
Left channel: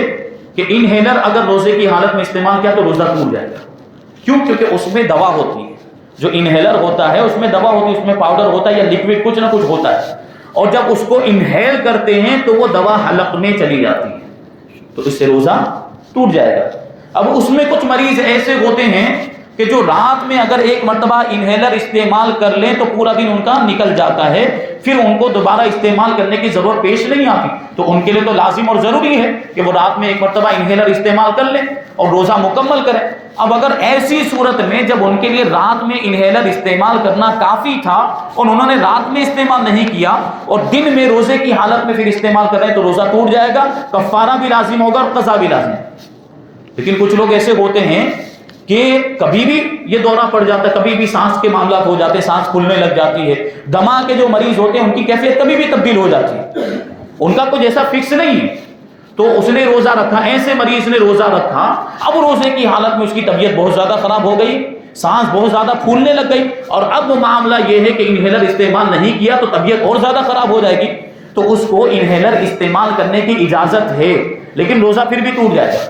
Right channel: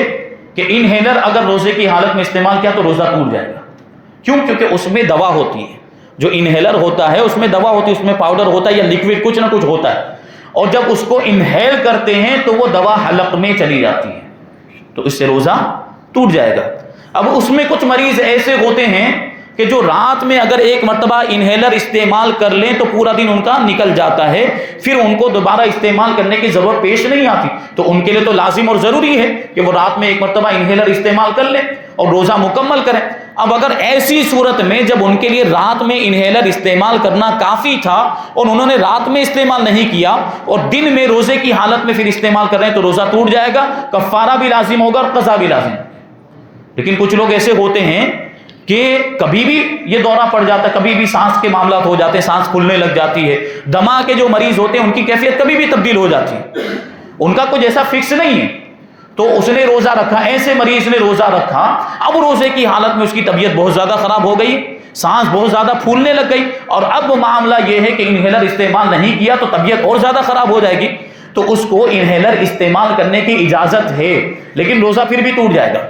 کہ انہیلر اگر روزے کی حالت میں استعمال کیا تو روزہ ٹوٹ جائے گا۔ کیوں؟ کیونکہ اس میں دوا ہوتی ہے، جو انہیلر ہوتا ہے اس میں دوا ہوتی ہے، اس میں پاؤڈر ہوتا ہے یا لیکوڈ کچھ نہ کچھ ہوتا ہے، اور جب اس کو انہیل کرتے ہیں تو وہ دوا حلق میں چلی جاتی ہے، تو اس سے روزہ ٹوٹ جائے گا۔ اب اس میں کچھ مریض ایسے ہوتے ہیں کہ جو رات میں اگر ایک مرتبہ انہیلر استعمال کر لیں تو پورا دن ان کا نکل جاتا ہے، پھر ان کو دوبارہ استعمال کرنے کی ضرورت پیش نہیں آتی، تو ان کے لیے تو لازم اور ضروری ہے کہ وہ رات میں ایک مرتبہ انہیلر استعمال کر لیں اور روزہ مکمل کریں۔ اب اگر ایسی صورت میں جب ان کے لیے رات میں انہیلر استعمال کرنا کافی تھا اور انہوں نے رات میں استعمال نہیں کیا اور دن میں روزے کی حالت میں پھر استعمال کر رہے ہیں تو روزہ ٹوٹ جائے گا، کفارہ بھی لازم ہوگا، قضا بھی لازم۔ لیکن کچھ لوگ ایسے ہوتے ہیں کہ کبھی بھی یہ دورہ پڑ جاتا ہے، کبھی بھی سانس کے معاملات ہو جاتے ہیں، سانس پھولنے لگ جاتی ہے، دمہ کے جو مریض ہوتے ہیں ان کی کیفیت کبھی بھی تبدیل ہو جاتی ہے، ان کا کوئی ایسا فکس نہیں ہے، تو اس نے روزہ رکھا، ایسے مریض نے روزہ رکھا، اب روزے کی حالت میں اس کی طبیعت بہت زیادہ خراب ہو گئی، سانس بہت زیادہ پھولنے لگ گئی، اور اب معاملہ یہ ہے کہ انہیلر استعمال نہیں کیا تو طبیعت اور زیادہ خراب ہو جائے گی، تو اس کو انہیلر استعمال کرنے کی اجازت ہے، لیکن روزہ پھر بھی ٹوٹ جائے گا۔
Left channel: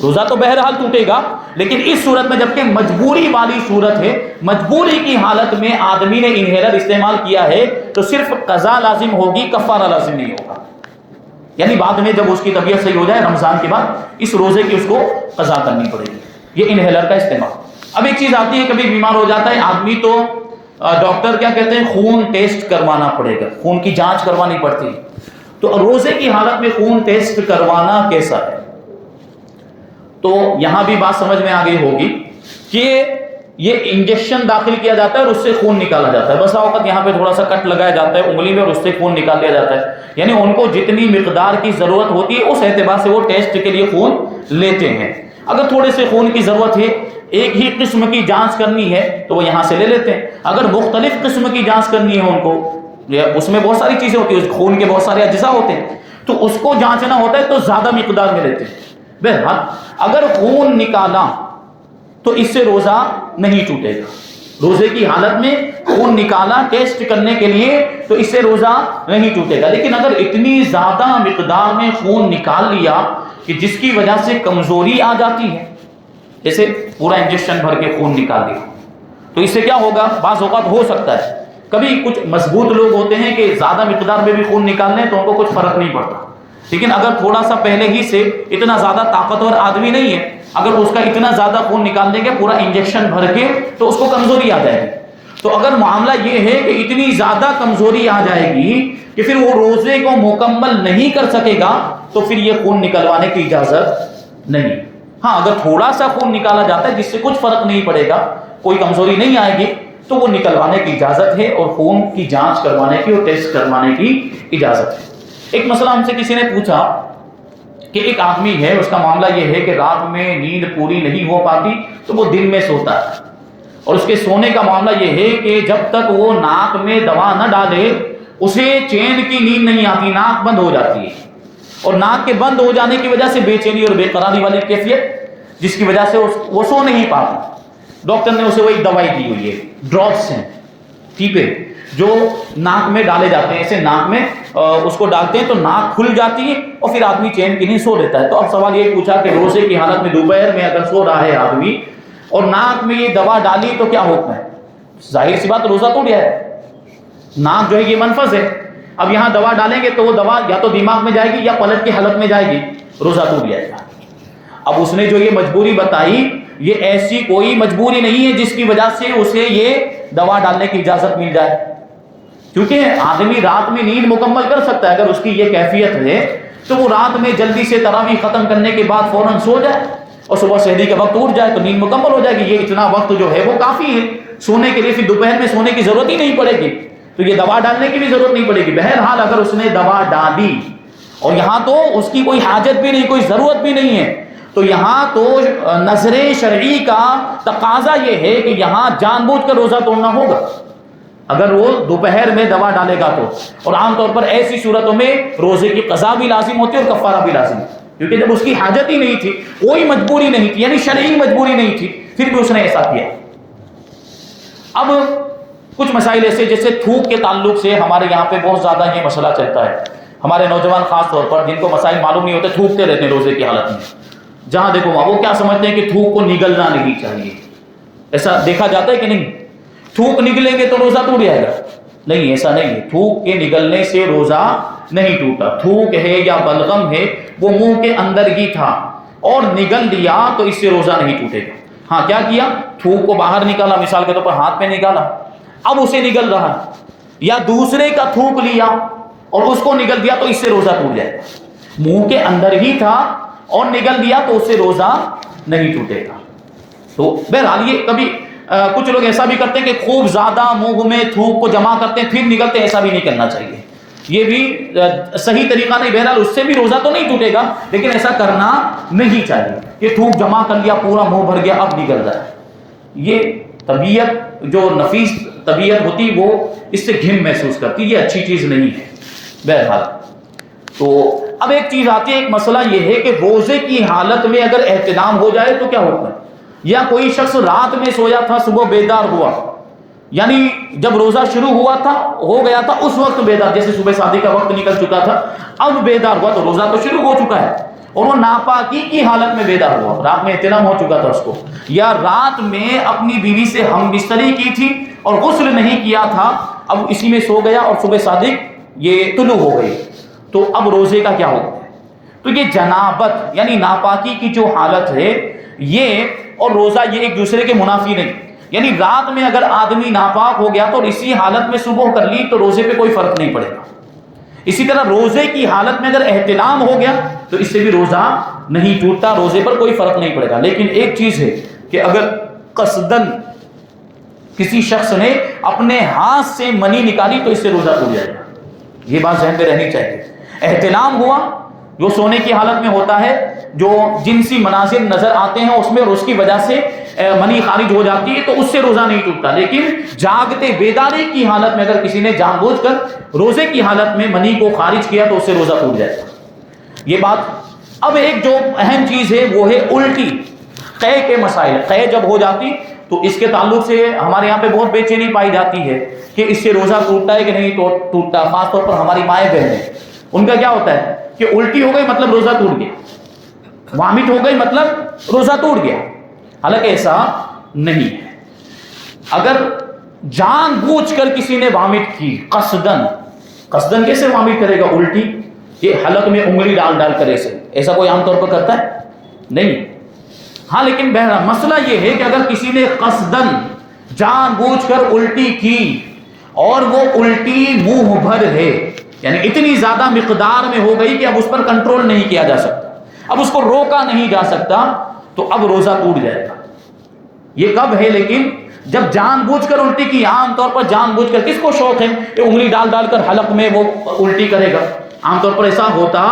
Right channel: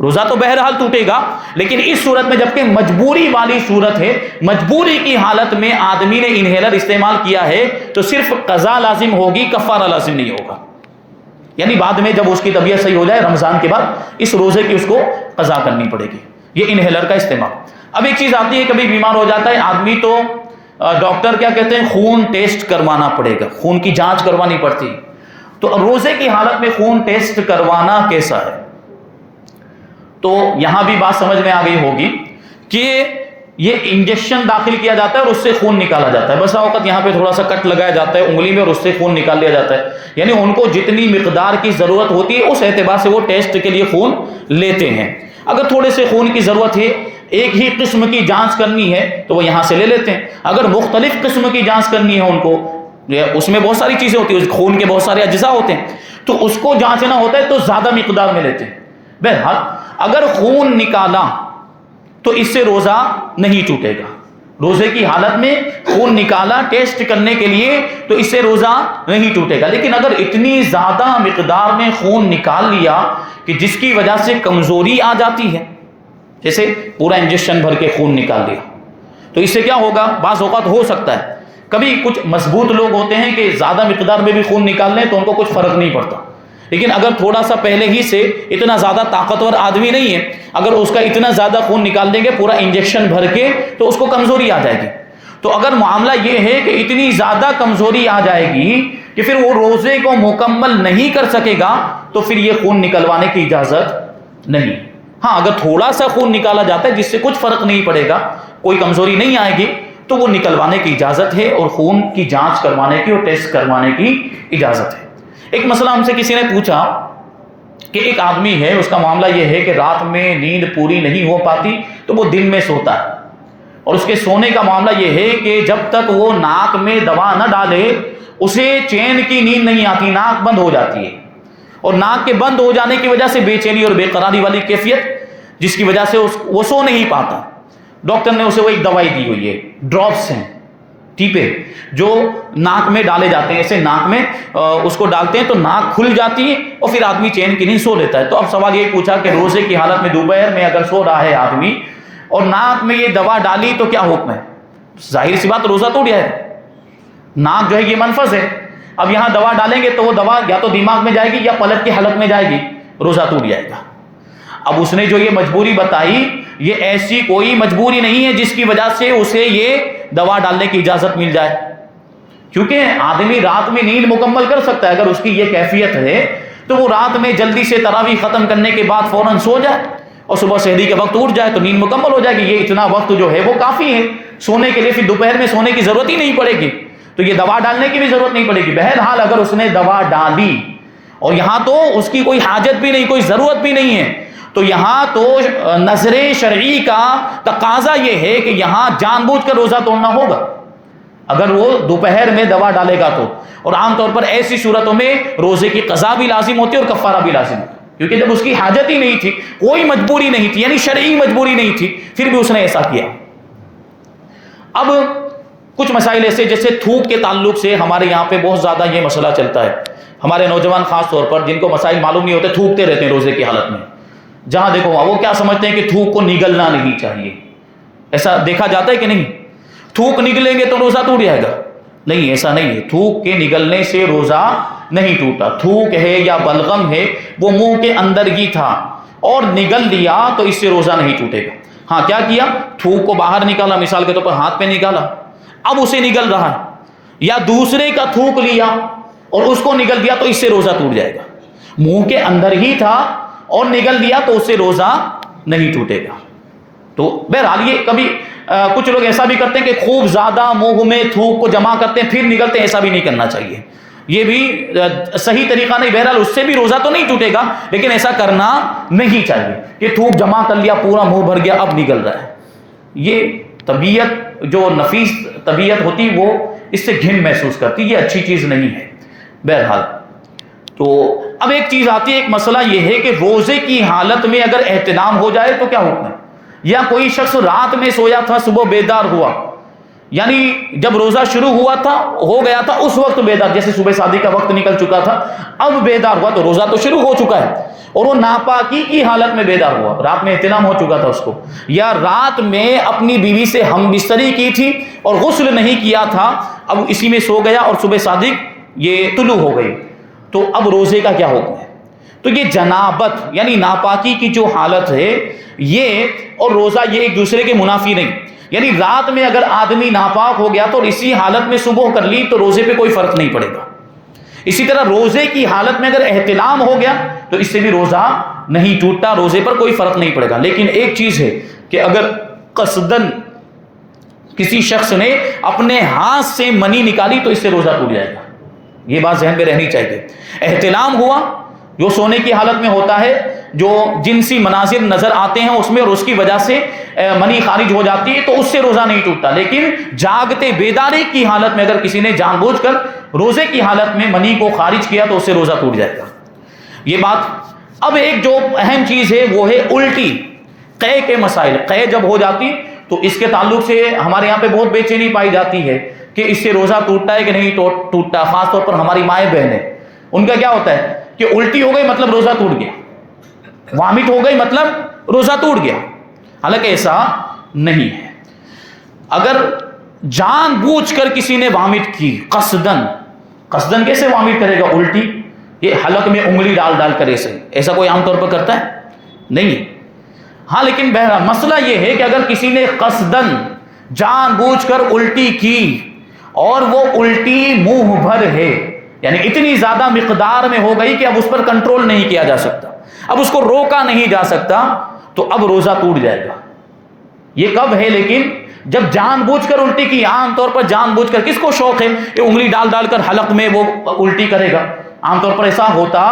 روزہ تو بہرحال ٹوٹے گا، لیکن اس صورت میں جبکہ مجبوری والی صورت ہے، مجبوری کی حالت میں آدمی نے انہیلر استعمال کیا ہے تو صرف قضا لازم ہوگی، کفارہ لازم نہیں ہوگا، یعنی بعد میں جب اس کی طبیعت صحیح ہو جائے رمضان کے بعد اس روزے کی اس کو قضا کرنی پڑے گی، یہ انہیلر کا استعمال۔ اب ایک چیز آتی ہے، کبھی بیمار ہو جاتا ہے آدمی تو ڈاکٹر کیا کہتے ہیں، خون ٹیسٹ کروانا پڑے گا، خون کی جانچ کروانی پڑتی ہے، تو روزے کی حالت میں خون ٹیسٹ کروانا کیسا ہے؟ تو یہاں بھی بات سمجھ میں آ گئی ہوگی کہ یہ انجیکشن داخل کیا جاتا ہے اور اس سے خون نکالا جاتا ہے، بس اوقات یہاں پہ تھوڑا سا کٹ لگایا جاتا ہے انگلی میں اور اس سے خون نکال لیا جاتا ہے، یعنی ان کو جتنی مقدار کی ضرورت ہوتی ہے اس اعتبار سے وہ ٹیسٹ کے لیے خون لیتے ہیں۔ اگر تھوڑے سے خون کی ضرورت ہے، ایک ہی قسم کی جانچ کرنی ہے تو وہ یہاں سے لے لیتے ہیں، اگر مختلف قسم کی جانچ کرنی ہے ان کو اس میں بہت ساری چیزیں ہوتی ہیں، خون کے بہت سارے اجزاء ہوتے ہیں، تو اس کو جانچنا ہوتا ہے تو زیادہ مقدار میں لیتے ہیں۔ بہرحال اگر خون نکالا تو اس سے روزہ نہیں ٹوٹے گا، روزے کی حالت میں خون نکالا ٹیسٹ کرنے کے لیے تو اس سے روزہ نہیں ٹوٹے گا۔ لیکن اگر اتنی زیادہ مقدار میں خون نکال لیا کہ جس کی وجہ سے کمزوری آ جاتی ہے، جیسے پورا انجیکشن بھر کے خون نکال لیا، تو اس سے کیا ہوگا؟ بعض اوقات ہو سکتا ہے کبھی کچھ مضبوط لوگ ہوتے ہیں کہ زیادہ مقدار میں بھی خون نکال لیں تو ان کو کچھ فرق نہیں پڑتا، لیکن اگر تھوڑا سا پہلے ہی سے اتنا زیادہ طاقتور آدمی نہیں ہے، اگر اس کا اتنا زیادہ خون نکال دیں گے پورا انجیکشن بھر کے تو اس کو کمزوری آ جائے گی۔ تو اگر معاملہ یہ ہے کہ اتنی زیادہ کمزوری آ جائے گی کہ پھر وہ روزے کو مکمل نہیں کر سکے گا تو پھر یہ خون نکلوانے کی اجازت نہیں۔ ہاں اگر تھوڑا سا خون نکالا جاتا ہے جس سے کچھ فرق نہیں پڑے گا، کوئی کمزوری نہیں آئے گی، تو وہ نکلوانے کی اجازت ہے اور خون کی جانچ کروانے کی اور ٹیسٹ کروانے کی اجازت ہے۔ ایک مسئلہ ہم سے کسی نے پوچھا کہ ایک آدمی ہے، اس کا معاملہ یہ ہے کہ رات میں نیند پوری نہیں ہو پاتی تو وہ دن میں سوتا ہے، اور اس کے سونے کا معاملہ یہ ہے کہ جب تک وہ ناک میں دوا نہ ڈالے اسے چین کی نیند نہیں آتی، ناک بند ہو جاتی ہے، اور ناک کے بند ہو جانے کی وجہ سے بے چینی اور بے قراری والی کیفیت جس کی وجہ سے وہ سو نہیں پاتا۔ ڈاکٹر نے اسے وہ ایک دوائی دی ہوئی ہے، ڈراپس ہیں، ٹھیک ہے، جو ناک میں ڈالے جاتے ہیں، ایسے ناک میں اس کو ڈالتے ہیں تو ناک کھل جاتی ہے اور پھر آدمی چین کی نیند سو لیتا ہے۔ تو اب سوال یہ پوچھا کہ روزے کی حالت میں دوپہر میں اگر سو رہا ہے آدمی اور ناک میں یہ دوا ڈالی تو کیا حکم ہے؟ ظاہر سی بات روزہ ٹوٹ جائے، ناک جو ہے یہ منفذ ہے، اب یہاں دوا ڈالیں گے تو وہ دوا یا تو دماغ میں جائے گی یا پلک کی حالت میں جائے گی، روزہ ٹوٹ جائے گا۔ اب اس نے جو یہ مجبوری بتائی یہ ایسی کوئی مجبوری نہیں ہے جس کی وجہ سے اسے یہ دوا ڈالنے کی اجازت مل جائے، کیونکہ آدمی رات میں نیند مکمل کر سکتا ہے، اگر اس کی یہ کیفیت ہے تو وہ رات میں جلدی سے تراویح ختم کرنے کے بعد فوراً سو جائے اور صبح سحری کے وقت اٹھ جائے تو نیند مکمل ہو جائے گی، یہ اتنا وقت جو ہے وہ کافی ہے سونے کے لیے، پھر دوپہر میں سونے کی ضرورت ہی نہیں پڑے گی، تو یہ دوا ڈالنے کی بھی ضرورت نہیں پڑے گی۔ بہرحال اگر اس نے دوا ڈالی اور یہاں تو اس کی کوئی حاجت بھی نہیں، کوئی ضرورت بھی نہیں ہے، تو یہاں تو نظر شرعی کا تقاضا یہ ہے کہ یہاں جان بوجھ کر روزہ توڑنا ہوگا اگر وہ دوپہر میں دوا ڈالے گا تو، اور عام طور پر ایسی صورتوں میں روزے کی قضا بھی لازم ہوتی ہے اور کفارہ بھی لازم ہوتا ہے، کیونکہ جب اس کی حاجت ہی نہیں تھی، کوئی مجبوری نہیں تھی، یعنی شرعی مجبوری نہیں تھی، پھر بھی اس نے ایسا کیا۔ اب کچھ مسائل ایسے جیسے تھوک کے تعلق سے ہمارے یہاں پہ بہت زیادہ یہ مسئلہ چلتا ہے، ہمارے نوجوان خاص طور پر جن کو مسائل معلوم نہیں ہوتے تھوکتے رہتے ہیں روزے کی حالت میں، جہاں دیکھو وہ کیا سمجھتے ہیں کہ تھوک کو نگلنا نہیں چاہیے، ایسا دیکھا جاتا ہے کہ نہیں؟ تھوک نگلیں گے تو روزہ ٹوٹ جائے گا، نہیں ایسا نہیں ہے، تھوک کے نگلنے سے روزہ نہیں ٹوٹا، تھوک ہے یا بلغم ہے وہ منہ کے اندر ہی تھا اور نگل دیا تو اس سے روزہ نہیں ٹوٹے گا۔ ہاں کیا کیا؟ تھوک کو باہر نکالا، مثال کے طور پر ہاتھ پہ نکالا، اب اسے نگل رہا ہے، یا دوسرے کا تھوک لیا اور اس کو نگل دیا تو اس سے روزہ ٹوٹ جائے گا، منہ کے اندر ہی تھا اور نگل دیا تو اس سے روزہ نہیں ٹوٹے گا۔ تو بہرحال یہ کبھی کچھ لوگ ایسا بھی کرتے ہیں کہ خوب زیادہ منہ میں تھوک کو جمع کرتے ہیں پھر نگلتے ہیں، ایسا بھی نہیں کرنا چاہیے، یہ بھی صحیح طریقہ نہیں۔ بہرحال اس سے بھی روزہ تو نہیں ٹوٹے گا لیکن ایسا کرنا نہیں چاہیے کہ تھوک جمع کر لیا پورا منہ بھر گیا اب نگل رہا ہے، یہ طبیعت جو نفیس طبیعت ہوتی وہ اس سے گھن محسوس کرتی، یہ اچھی چیز نہیں ہے۔ بہرحال تو اب ایک چیز آتی ہے، ایک مسئلہ یہ ہے کہ روزے کی حالت میں اگر احتلام ہو جائے تو کیا ہوتا ہے؟ یا کوئی شخص رات میں سویا تھا صبح بیدار ہوا، یعنی جب روزہ شروع ہوا تھا ہو گیا تھا اس وقت بیدار، جیسے صبح شادی کا وقت نکل چکا تھا اب بیدار ہوا تو روزہ تو شروع ہو چکا ہے، اور وہ ناپاکی کی حالت میں بیدار ہوا، رات میں احتلام ہو چکا تھا اس کو، یا رات میں اپنی بیوی سے ہم بستری کی تھی اور غسل نہیں کیا تھا، اب اسی میں سو گیا اور صبح صادق یہ طلوع ہو گئی، تو اب روزے کا کیا حکم ہے؟ تو یہ جنابت یعنی ناپاکی کی جو حالت ہے یہ اور روزہ یہ ایک دوسرے کے منافی نہیں، یعنی رات میں اگر آدمی ناپاک ہو گیا تو اسی حالت میں صبح کر لی تو روزے پہ کوئی فرق نہیں پڑے گا، اسی طرح روزے کی حالت میں اگر احتلام ہو گیا تو اس سے بھی روزہ نہیں ٹوٹتا، روزے پر کوئی فرق نہیں پڑے گا۔ لیکن ایک چیز ہے کہ اگر قصدن کسی شخص نے اپنے ہاتھ سے منی نکالی تو اس سے روزہ ٹوٹ جائے گا، یہ بات ذہن میں رہنی چاہیے۔ احتلام ہوا جو سونے کی حالت میں ہوتا ہے، جو جنسی مناظر نظر آتے ہیں اس میں اور اس کی وجہ سے منی خارج ہو جاتی ہے تو اس سے روزہ نہیں ٹوٹتا. لیکن جاگتے بیداری کی حالت میں اگر کسی نے جان بوجھ کر روزے کی حالت میں منی کو خارج کیا تو اس سے روزہ ٹوٹ جائے گا. یہ بات. اب ایک جو اہم چیز ہے وہ ہے الٹی، قے کے مسائل. قے جب ہو جاتی تو اس کے تعلق سے ہمارے یہاں پہ بہت بے چینی پائی جاتی ہے کہ اس سے روزہ ٹوٹتا ہے کہ نہیں ٹوٹتا. خاص طور پر ہماری مائیں بہنیں، ان کا کیا ہوتا ہے کہ الٹی ہو گئی مطلب روزہ ٹوٹ گیا، وامٹ ہو گئی مطلب روزہ ٹوٹ گیا. حالانکہ ایسا نہیں ہے. اگر جان بوجھ کر کسی نے وامٹ کی قصدن کیسے وامٹ کرے گا؟ الٹی یہ حلق میں انگلی ڈال ڈال کر ایسا کوئی عام طور پر کرتا ہے؟ نہیں. ہاں لیکن بہرحال مسئلہ یہ ہے کہ اگر کسی نے قصدن جان بوجھ کر الٹی کی اور وہ الٹی منہ بھر ہے، یعنی اتنی زیادہ مقدار میں ہو گئی کہ اب اس پر کنٹرول نہیں کیا جا سکتا، اب اس کو روکا نہیں جا سکتا، تو اب روزہ ٹوٹ جائے گا. یہ کب ہے لیکن؟ جب جان بوجھ کر الٹی کی. عام طور پر جان بوجھ کر کس کو شوق ہے کہ انگلی ڈال ڈال کر حلق میں وہ الٹی کرے گا؟ عام طور پر ایسا ہوتا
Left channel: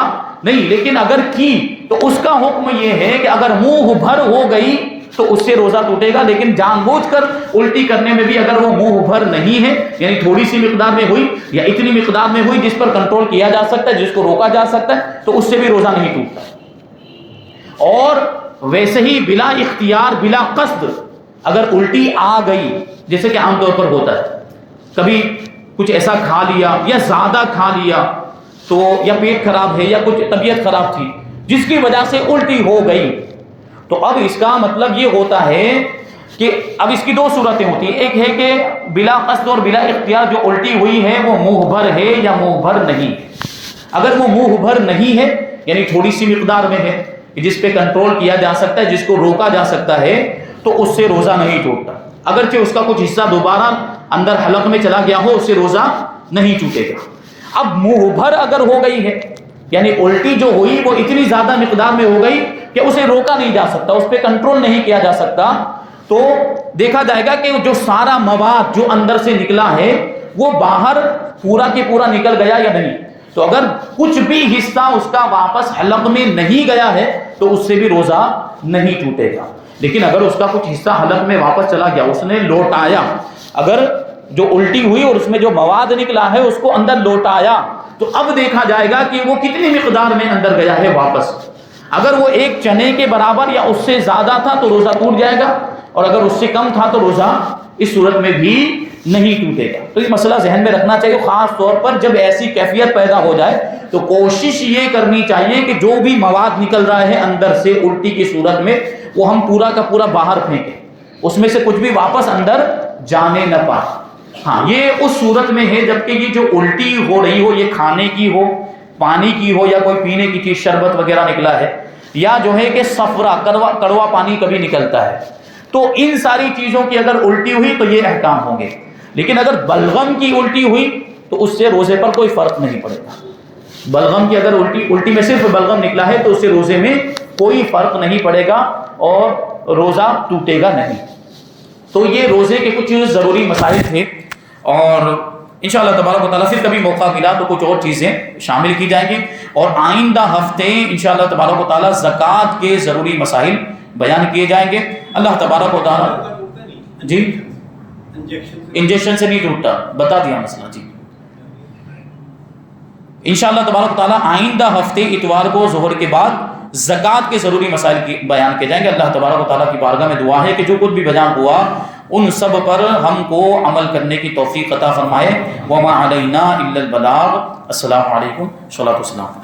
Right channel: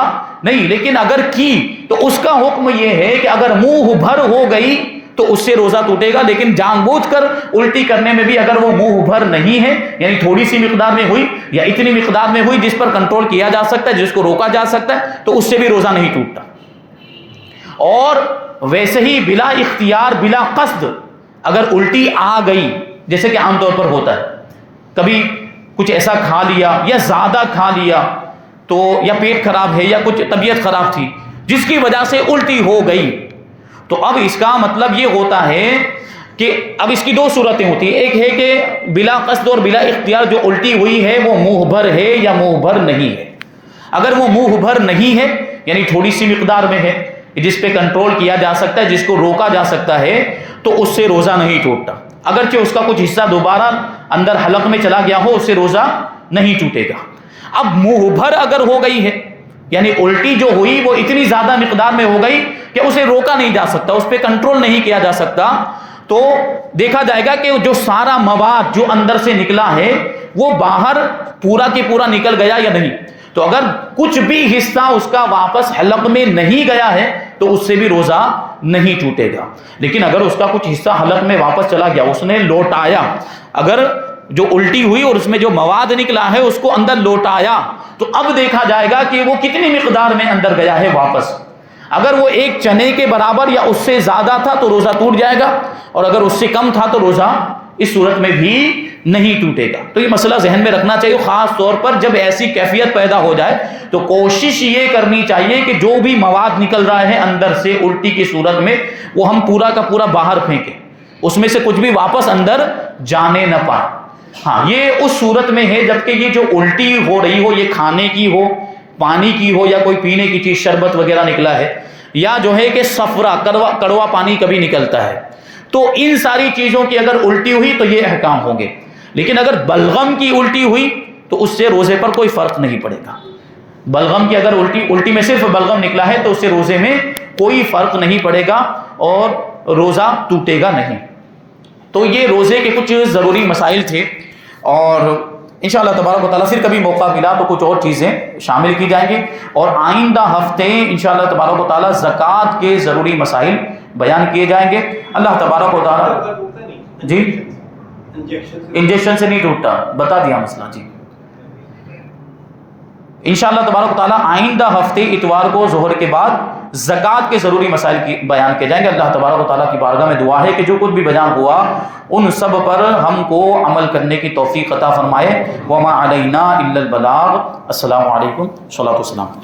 نہیں. لیکن اگر کی تو اس کا حکم یہ ہے کہ اگر منہ بھر ہو گئی تو اس سے روزہ ٹوٹے گا. لیکن جان بوجھ کر الٹی کرنے میں بھی اگر وہ منہ بھر نہیں ہے، یعنی تھوڑی سی مقدار میں ہوئی یا اتنی مقدار میں ہوئی جس پر کنٹرول کیا جا سکتا ہے، جس کو روکا جا سکتا ہے، تو اس سے بھی روزہ نہیں ٹوٹتا. اور ویسے ہی بلا اختیار بلا قصد اگر الٹی آ گئی، جیسے کہ عام طور پر ہوتا ہے، کبھی کچھ ایسا کھا لیا یا زیادہ کھا لیا تو یا پیٹ خراب ہے یا کچھ طبیعت خراب تھی جس کی وجہ سے الٹی ہو گئی، تو اب اس کا مطلب یہ ہوتا ہے کہ اب اس کی دو صورتیں ہوتی ہیں. ایک ہے کہ بلا قصد اور بلا اختیار جو الٹی ہوئی ہے وہ منہ بھر ہے یا منہ بھر نہیں ہے. اگر وہ منہ بھر نہیں ہے یعنی تھوڑی سی مقدار میں ہے جس پہ کنٹرول کیا جا سکتا ہے، جس کو روکا جا سکتا ہے، تو اس سے روزہ نہیں ٹوٹتا. اگرچہ اس کا کچھ حصہ دوبارہ اندر حلق میں چلا گیا ہو، اس سے روزہ نہیں ٹوٹے گا. اب منہ بھر اگر ہو گئی ہے یعنی الٹی جو ہوئی وہ اتنی زیادہ مقدار میں ہو گئی کہ اسے روکا نہیں جا سکتا، اس پہ کنٹرول نہیں کیا جا سکتا، تو دیکھا جائے گا کہ جو سارا مواد جو اندر سے نکلا ہے وہ باہر پورا کی پورا نکل گیا یا نہیں. تو اگر کچھ بھی حصہ اس کا واپس حلق میں نہیں گیا ہے تو اس سے بھی روزہ نہیں ٹوٹے گا. لیکن اگر اس کا کچھ حصہ حلق میں واپس چلا گیا، اس نے لوٹایا، اگر جو الٹی ہوئی اور اس میں جو مواد نکلا ہے اس کو اندر لوٹایا، تو اب دیکھا جائے گا کہ وہ کتنی مقدار میں اندر گیا ہے واپس. اگر وہ ایک چنے کے برابر یا اس سے زیادہ تھا تو روزہ ٹوٹ جائے گا، اور اگر اس سے کم تھا تو روزہ اس صورت میں بھی نہیں ٹوٹے گا. تو یہ مسئلہ ذہن میں رکھنا چاہیے. خاص طور پر جب ایسی کیفیت پیدا ہو جائے تو کوشش یہ کرنی چاہیے کہ جو بھی مواد نکل رہا ہے اندر سے الٹی کی صورت میں وہ ہم پورا کا پورا باہر پھینکیں، اس میں سے کچھ بھی واپس اندر جانے نہ پائے. ہاں یہ اس صورت میں ہے جبکہ یہ جو الٹی ہو رہی ہو، یہ کھانے کی ہو، پانی کی ہو، یا کوئی پینے کی چیز شربت وغیرہ نکلا ہے، یا جو ہے کہ صفرا کڑوا پانی کبھی نکلتا ہے، تو ان ساری چیزوں کی اگر الٹی ہوئی تو یہ احکام ہوں گے. لیکن اگر بلغم کی الٹی ہوئی تو اس سے روزے پر کوئی فرق نہیں پڑے گا. بلغم کی اگر الٹی میں صرف بلغم نکلا ہے تو اس سے روزے میں کوئی فرق نہیں پڑے گا اور روزہ ٹوٹے گا نہیں. تو یہ روزے کے کچھ ضروری مسائل تھے، اور انشاءاللہ تبارک و تعالیٰ پھر کبھی موقع ملا تو کچھ اور چیزیں شامل کی جائیں گے، اور آئندہ ہفتے انشاءاللہ تبارک و تعالیٰ زکوٰۃ کے ضروری مسائل بیان کیے جائیں گے. اللہ تبارک و تعالیٰ جی انجیکشن سے نہیں ٹوٹتا، بتا دیا مسئلہ. جی انشاءاللہ تبارک و تعالیٰ آئندہ ہفتے اتوار کو ظہر کے بعد زکوٰۃ کے ضروری مسائل کی بیان کیے جائیں گے. اللہ تبارک و تعالیٰ کی بارگاہ میں دعا ہے کہ جو کچھ بھی بیان ہوا ان سب پر ہم کو عمل کرنے کی توفیق عطا فرمائے. وما علینا الا البلاغ. السلام علیکم. صلاۃ والسلام.